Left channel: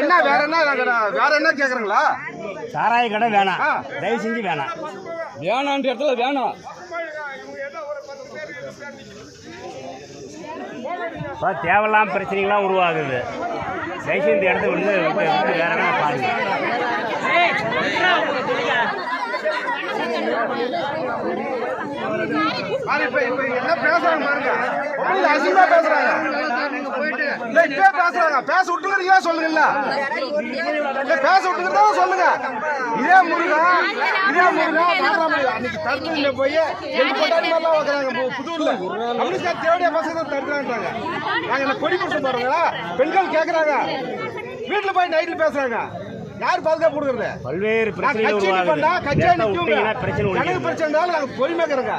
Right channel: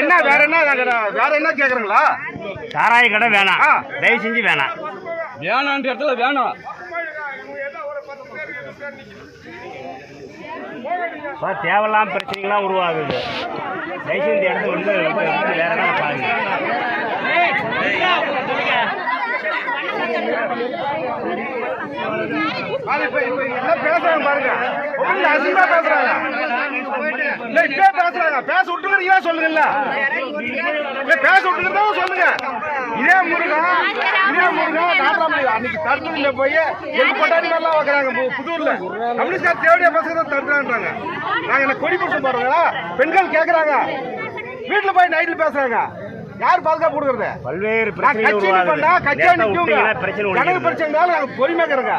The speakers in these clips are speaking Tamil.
என்ன வேற என்ன கேக்குறீங்களா? சாராய கடை வேணாம், தயவு செஞ்சு வேணாம். வேணான்ற இடத்துல வேணாம். தேவையில்லாம பிரச்சனைகள்லாம் உருவாகுது. தயவு செஞ்சு இடத்துல வந்து வேற என்ன பாருங்க. பேச விட்டுக்கிறீங்களா சொல்லுங்க. பேச விட்டுக்கிறதா சொல்லுங்க. இதே முருகா நாட்டாமலை அன்னைக்கு தடுத்துல போய் எங்க கொண்டாடி மாதிரிலாம் வைக்கிறாங்க. புதூர்ல கம்யூனிஸ்ட் தேவையா பசங்க தடுக்கிறாங்க. நாங்க என்ன கொடி புடிச்சு போறோங்களா? பெண்கள் கேக்குறாங்க, வீட்டுல போய் நைட்ல பேசுறாங்க. யார் பாதுகாப்பு கொடுக்கறது? பல்வேறு பிரச்சனை நாங்க பொறுமையாக்குறோங்க.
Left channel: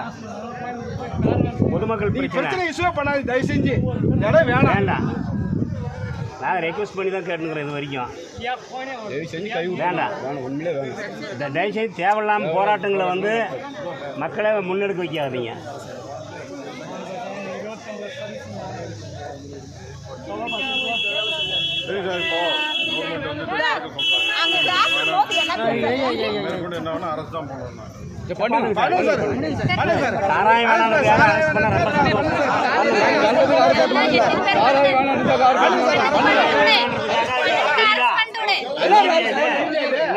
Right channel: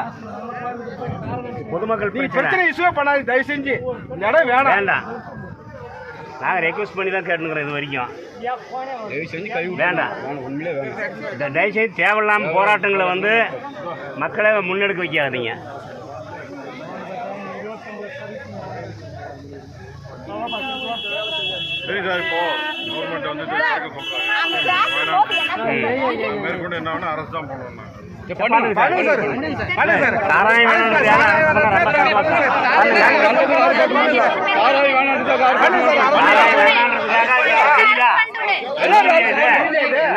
பொதுமக்கள் பிரச்சனை இஷ்யூ பண்ணாது. தயவு செஞ்சு இடம் வேணாம். நாங்க ரெக்வஸ்ட் பண்ணி தான் கேட்டுக்கிறோம். இது வரைக்கும் வேண்டாம். தயவு செய்து தேவையில்லாம போராட்டங்களை வந்து மக்களை முன்னெடுக்க வைக்காதீங்க. சரி சார், இப்போ கவர்மெண்ட் வந்து மேற்கொண்டு என்ன அரசு தான் பண்ணணும். சாராயம் வேணான்றது யாரும் அரசு பண்ண ரொம்ப சந்தோஷம்.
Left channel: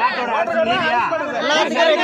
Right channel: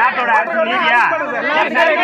நாட்டோட அரசு நீதியா எல்லாத்துக்குமே